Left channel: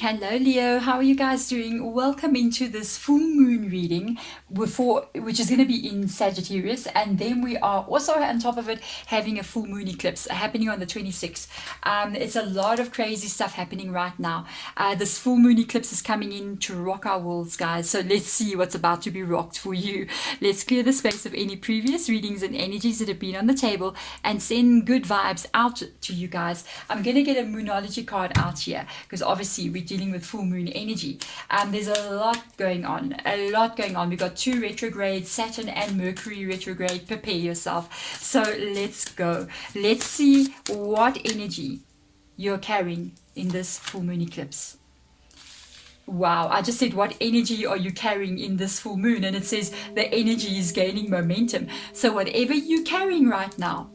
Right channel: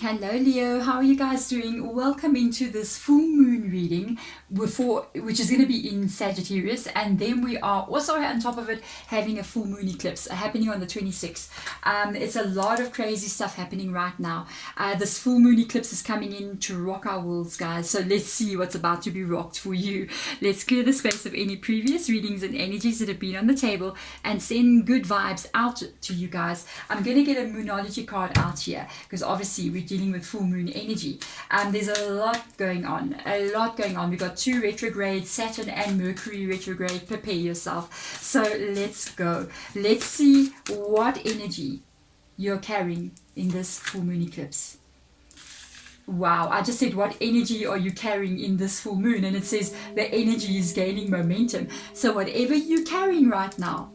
Hello Leo, how are you guys doing? Welcome into this full moon reading which is going to be in Sagittarius, and then we are also on top of it having a full moon eclipse happening on the 26th. It's a lot of crazy stuff happening right now. This full moon eclipse is coming in to rock our worlds, guys, so let's see what's about to be rocked for you. Let's clear the space of any previous readings and energies that have been on the table and send good vibes out to you guys. I'm going to get a moonology card out here because obviously we're dealing with full moon energy. There's a lot going on. We've got 2 retrogrades, Saturn and Mercury retrograde. Prepare yourself. So let's go. Let's see what energy you're carrying in this full moon eclipse. Wow, I just said, what energy are you carrying in this full moon? And it says the energy is gaining momentum. So whatever you're carrying right now,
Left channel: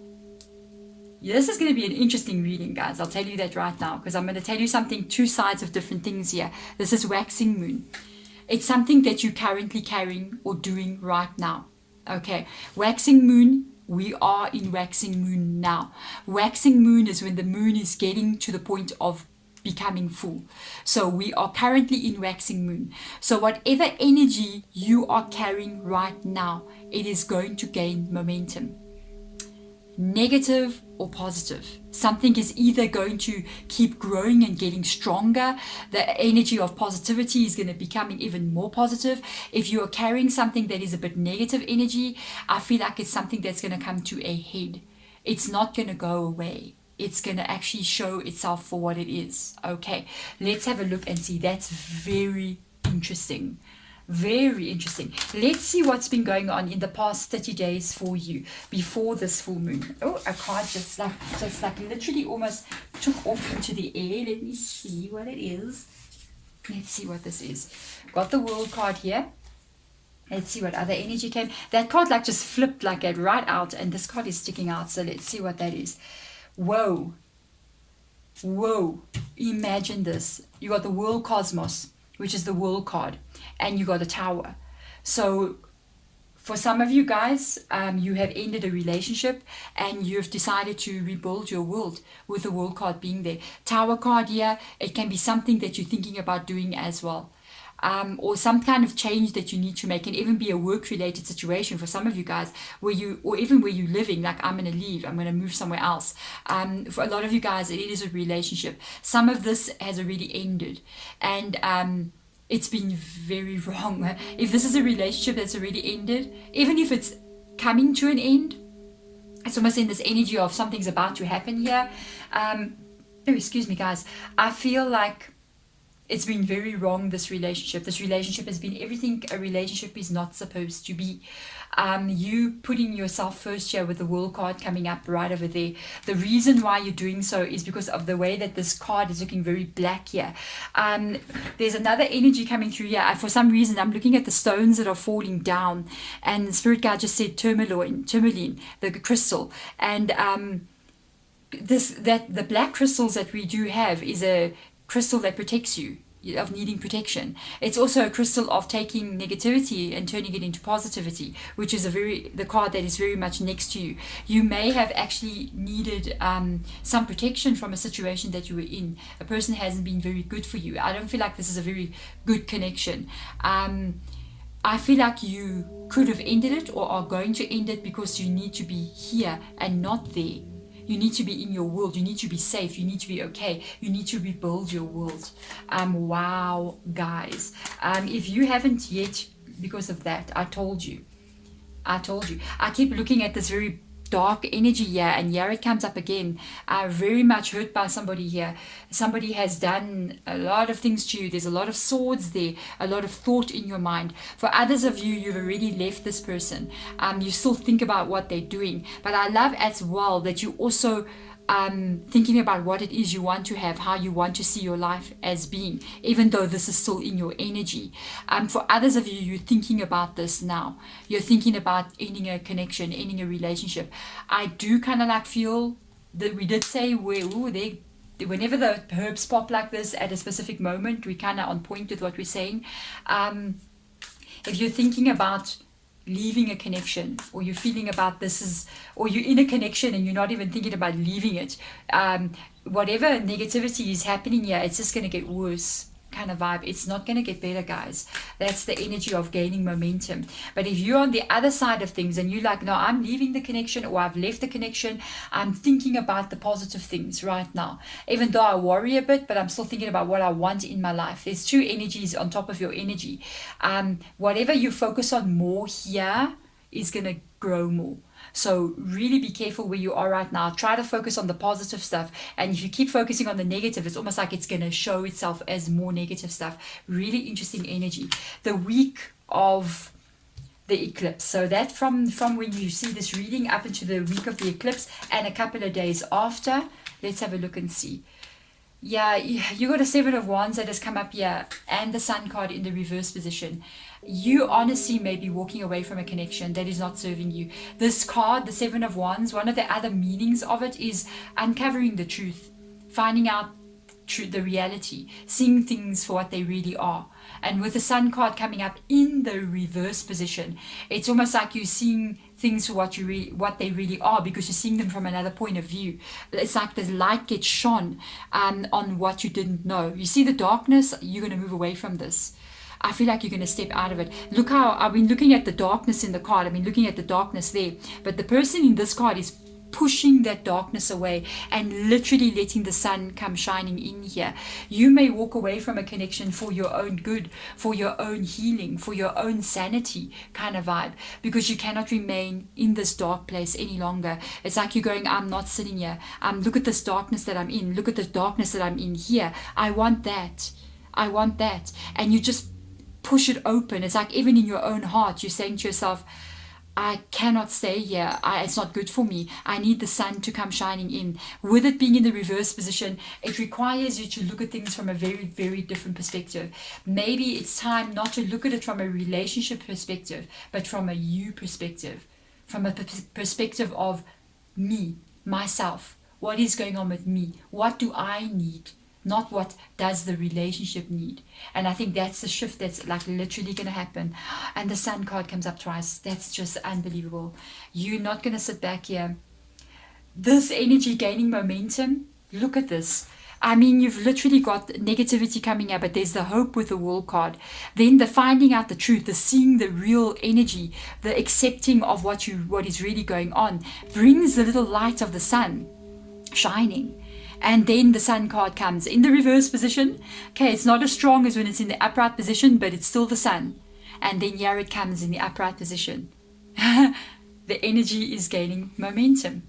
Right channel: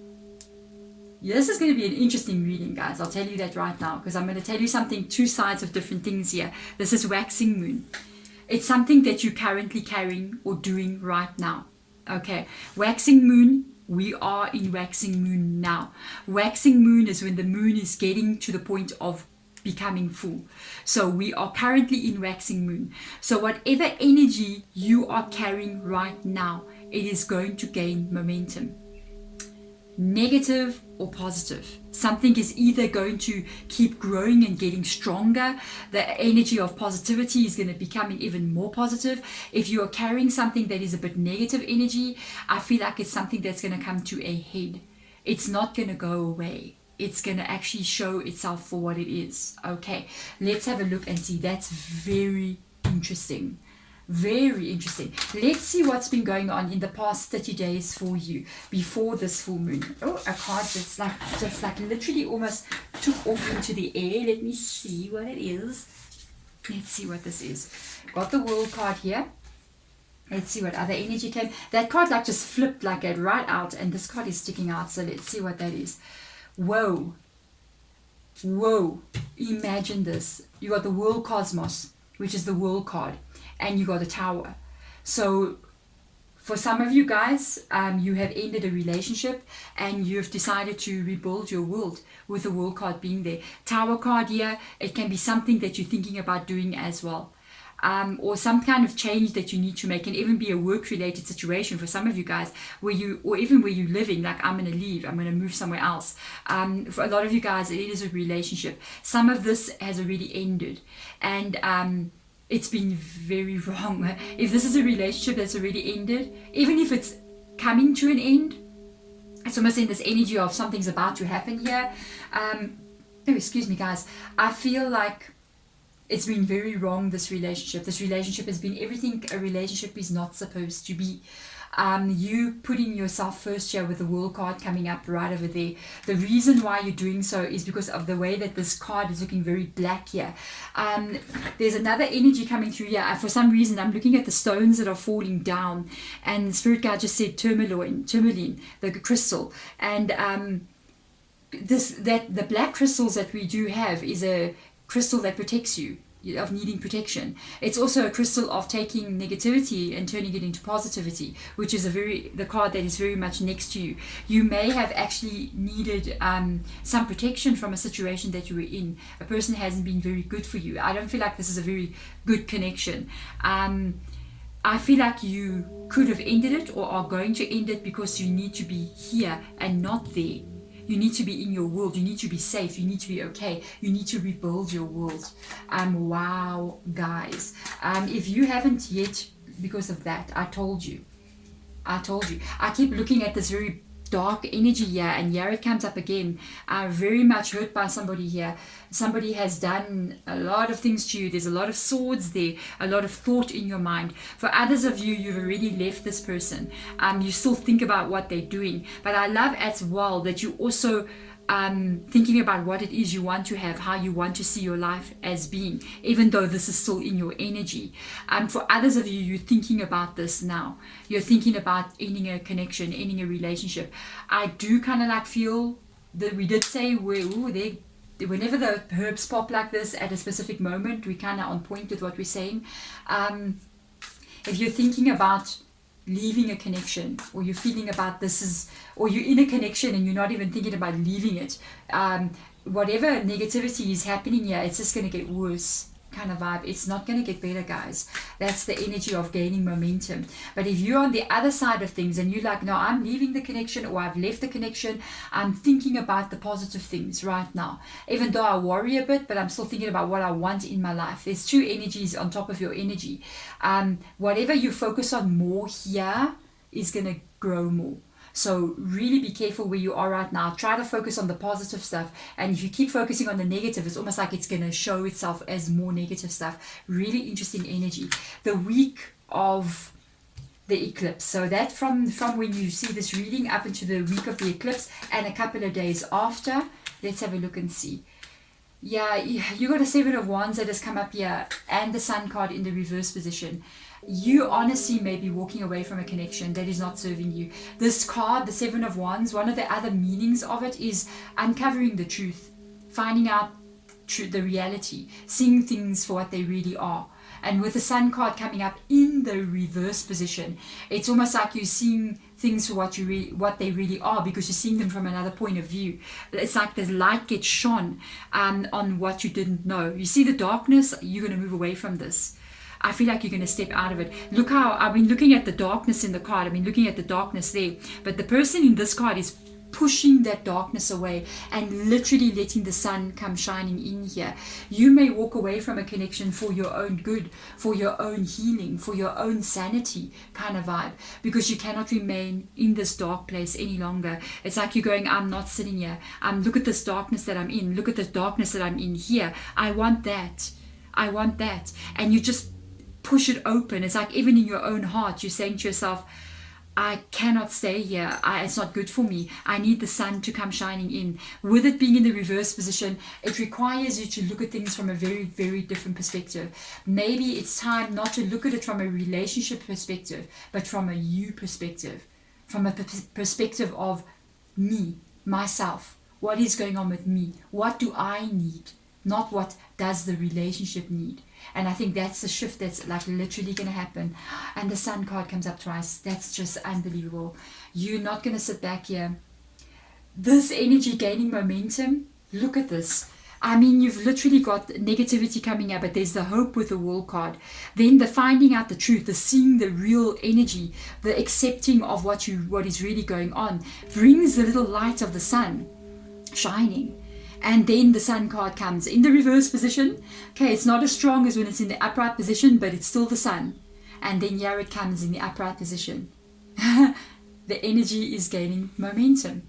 this is going to be an interesting reading, guys. I'll tell you that right now, because I'm going to tell you something, 2 sides of different things here. This is waxing moon. It's something that you're currently carrying or doing right now. Okay, waxing moon, we are in waxing moon now. Waxing moon is when the moon is getting to the point of becoming full. So we are currently in waxing moon. So whatever energy you are carrying right now, it is going to gain momentum. Negative or positive. Something is either going to keep growing and getting stronger. The energy of positivity is going to be becoming even more positive. If you are carrying something that is a bit negative energy, I feel like it's something that's going to come to a head. It's not going to go away. It's going to actually show itself for what it is. Okay, let's have a look and see. That's very interesting. Very interesting. Let's see what's been going on in the past 30 days for you before this full moon. Oh, a card just like literally almost took off into the air. Let me see what it is. Let's see what this is. Got the World card here. Let's see what other energy came. That card like just flipped like that right out, and this card is sticking out. So let's see what that is. Whoa. Whoa. Imagine this. You got the World Cosmos, which is the World card, and you got a Tower. So for some of you guys, you have ended a relationship and you've decided to rebuild your world with the World card being there. Tower card here, it can be something that you're thinking about doing as well. Or some kind of change that you need to make, can even be a work-related situation for some of you guys, or even where you're living, like I'm going to leave, I'm going to move somewhere else. For a lot of you guys, it is a relationship. Some of this has already ended, and it's been very wrong. If this is a relationship that's already ended, even if it's coming to an end, it's almost in this energy of something's about to happen here. Excuse me, guys. I feel like it's been very wrong, this relationship. This relationship has been everything a relationship is not supposed to be. You putting yourself first here with the World card coming up right over there. The reason why you're doing so is because of the way that this card is looking very black here. There's another energy coming through here. For some reason, I'm looking at the stones that are falling down, and the Spirit Guide just said tourmaline, the crystal. And the black crystals that we do have is a crystal that protects you, of needing protection. It's also a crystal of taking negativity and turning it into positivity, which is the card that is very much next to you. You may have actually needed some protection from a situation that you were in. A person hasn't been very good for you. I don't feel like this is a very good connection. I feel like you could have ended it or are going to end it because you need to be here and not there. You need to be in your world. You need to be safe. You need to be okay. You need to rebuild your world. Wow, guys. If you haven't yet, because of that, I told you. I keep looking at this very dark energy here, and here it comes up again. Very much hurt by somebody here. Somebody has done a lot of things to you. There's a lot of swords there, a lot of thought in your mind. For others of you, you've already left this person. You still think about what they're doing, but I love as well that you also thinking about what it is you want to have, how you want to see your life as being, even though this is still in your energy. For others of you, you're thinking about this now. You're thinking about ending a connection, ending a relationship. I do kind of like feel that we did say whenever the herbs pop like this at a specific moment, we kind of on point with what we're saying. If you're thinking about leaving a connection, or you're feeling about or you're in a connection and you're not even thinking about leaving it, whatever negativity is happening here, it's just going to get worse. kind of vibe, it's not going to get better, guys. That's the energy of gaining momentum. But if you're on the other side of things and you're like, no, I'm leaving the connection, or I've left the connection, I'm thinking about the positive things right now. Even though I worry a bit, but I'm still thinking about what I want in my life. There's two energies on top of your energy. Whatever you focus on more here is going to grow more. So really be careful where you are right now. Try to focus on the positive stuff. And if you keep focusing on the negative, it's almost like it's going to show itself as more negative stuff. Really interesting energy. The week of the eclipse. So that from when you see this reading up into the week of the eclipse and a couple of days after. Let's have a look and see. Yeah, you got a 7 of Wands that has come up here and the Sun card in the reverse position. You honestly may be walking away from a connection that is not serving you. This card, the 7 of Wands, one of the other meanings of it is uncovering the truth, finding out the reality, seeing things for what they really are. And with the Sun card coming up in the reverse position, it's almost like you're seeing things for what they really are, because you're seeing them from another point of view. It's like the light gets shone on what you didn't know. You see the darkness, you're going to move away from this. I feel like you're going to step out of it. Look how I've been looking at the darkness in the card. I've been looking at the darkness there. But the person in this card is pushing that darkness away and literally letting the sun come shining in here. You may walk away from a connection for your own good, for your own healing, for your own sanity kind of vibe, because you cannot remain in this dark place any longer. It's like you're going, I'm not sitting here. Look at this darkness that I'm in. Look at the darkness that I'm in here. I want that. I want that. And you just push it open. It's like even in your own heart, you're saying to yourself, I cannot stay here. It's not good for me. I need the sun to come shining in. With it being in the reverse position, it requires you to look at things from a very, very different perspective. Maybe it's time not to look at it from a relationship perspective, but from a you perspective, from a perspective of me, myself. What is going on with me? What do I need? Not what does the relationship need. And I think that's the shift that's like literally going to happen. And the sun card comes up twice. That's just unbelievable. You're not going to sit back here. This energy gaining momentum, look at this. I mean, you've literally got negativity coming up, but there's the hope with the World card. Then the finding out the truth, the seeing the real energy, the accepting of what is really going on, brings the little light of the sun shining. And then the sun card comes in the reverse position. Okay, it's not as strong as when it's in the upright position, but it's still the sun. And then here it comes in the upright position. The energy is gaining momentum.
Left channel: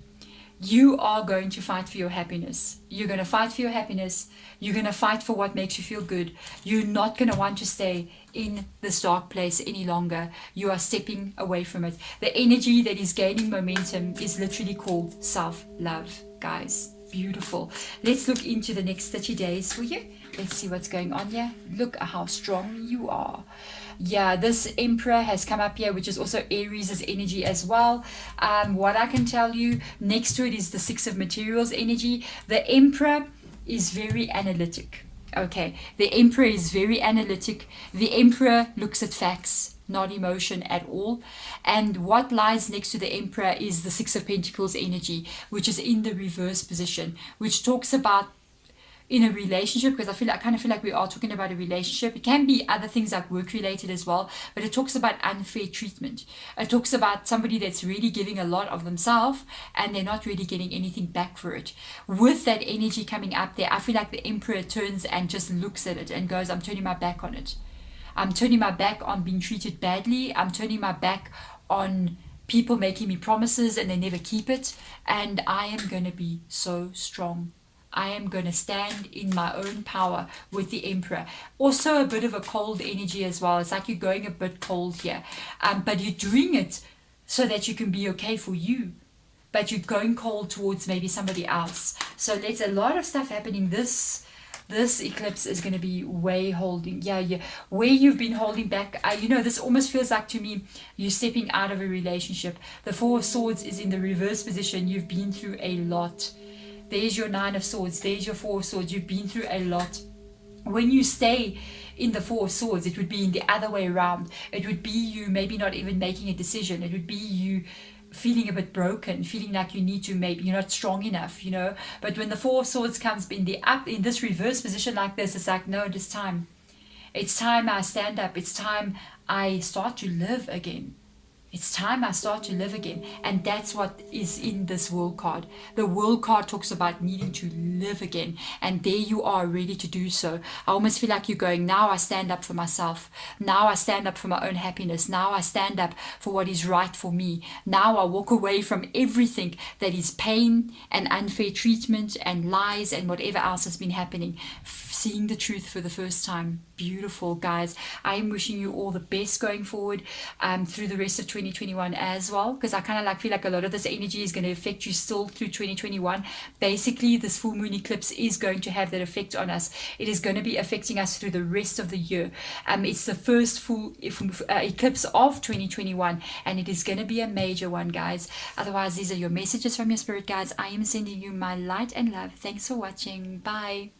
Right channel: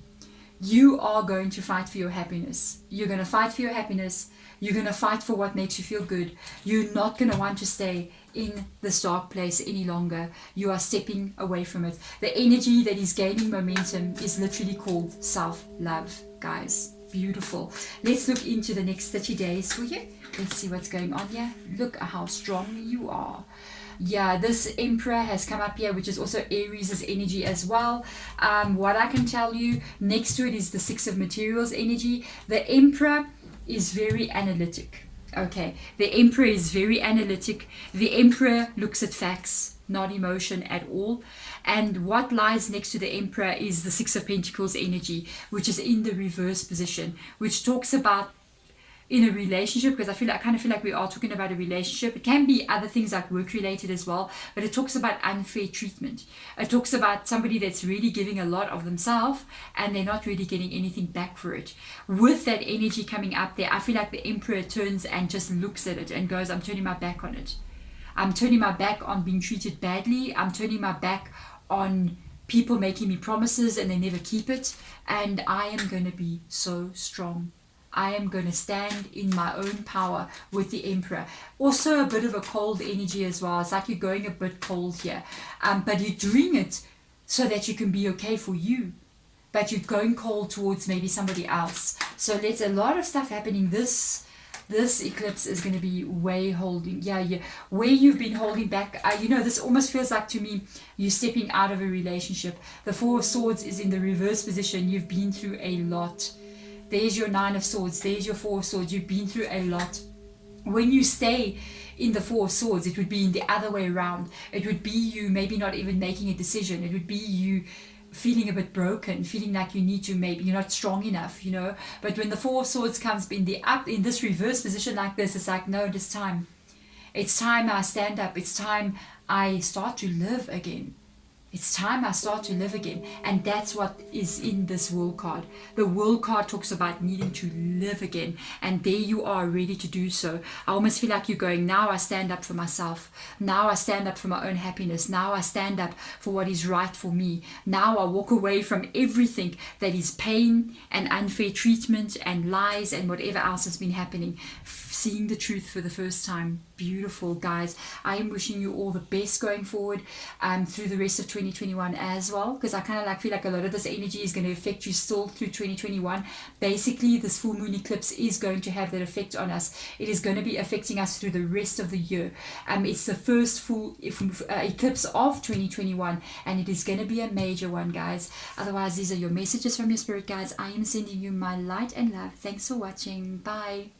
You are going to fight for your happiness. You're going to fight for your happiness. You're going to fight for what makes you feel good. You're not going to want to stay in this dark place any longer. You are stepping away from it. The energy that is gaining momentum is literally called self-love, guys. Beautiful. Let's look into the next 30 days for you. Let's see what's going on here. Look at how strong you are. Yeah, this Emperor has come up here, which is also Aries' energy as well. What I can tell you, next to it is the Six of Materials energy. The Emperor is very analytic. Okay, the Emperor is very analytic. The Emperor looks at facts, not emotion at all. And what lies next to the Emperor is the Six of Pentacles energy, which is in the reverse position, which talks about in a relationship, because I kind of feel like we are talking about a relationship. It can be other things like work related as well, but it talks about unfair treatment. It talks about somebody that's really giving a lot of themselves and they're not really getting anything back for it. With that energy coming up there, I feel like the Emperor turns and just looks at it and goes, I'm turning my back on it. I'm turning my back on being treated badly. I'm turning my back on people making me promises and they never keep it. And I am going to be so strong. I am going to stand in my own power with the Emperor. Also a bit of a cold energy as well. It's like you're going a bit cold here. But you're doing it so that you can be okay for you. But you're going cold towards maybe somebody else. So there's a lot of stuff happening. This eclipse is going to be way holding. Yeah, where you've been holding back. This almost feels like to me, you're stepping out of a relationship. The Four of Swords is in the reverse position. You've been through a lot. There's your Nine of Swords. There's your Four of Swords. You've been through a lot. When you stay in the Four of Swords, it would be in the other way around. It would be you maybe not even making a decision. It would be you feeling a bit broken, feeling like you need to, maybe you're not strong enough, But when the Four of Swords comes in this reverse position like this, it's like, no, this time It's time I stand up. It's time I start to live again. It's time I start to live again. And that's what is in this world card. The world card talks about needing to live again. And there you are, ready to do so. I almost feel like you're going, now I stand up for myself. Now I stand up for my own happiness. Now I stand up for what is right for me. Now I walk away from everything that is pain and unfair treatment and lies and whatever else has been happening. Seeing the truth for the first time. Beautiful, guys. I am wishing you all the best going forward through the rest of 2021 as well, because I kind of like feel like a lot of this energy is going to affect you still through 2021. Basically, this full moon eclipse is going to have that effect on us. It is going to be affecting us through the rest of the year. It's the first full eclipse of 2021, and it is going to be a major one, guys. Otherwise, these are your messages from your spirit guides. I am sending you my light and love. Thanks for watching. Bye.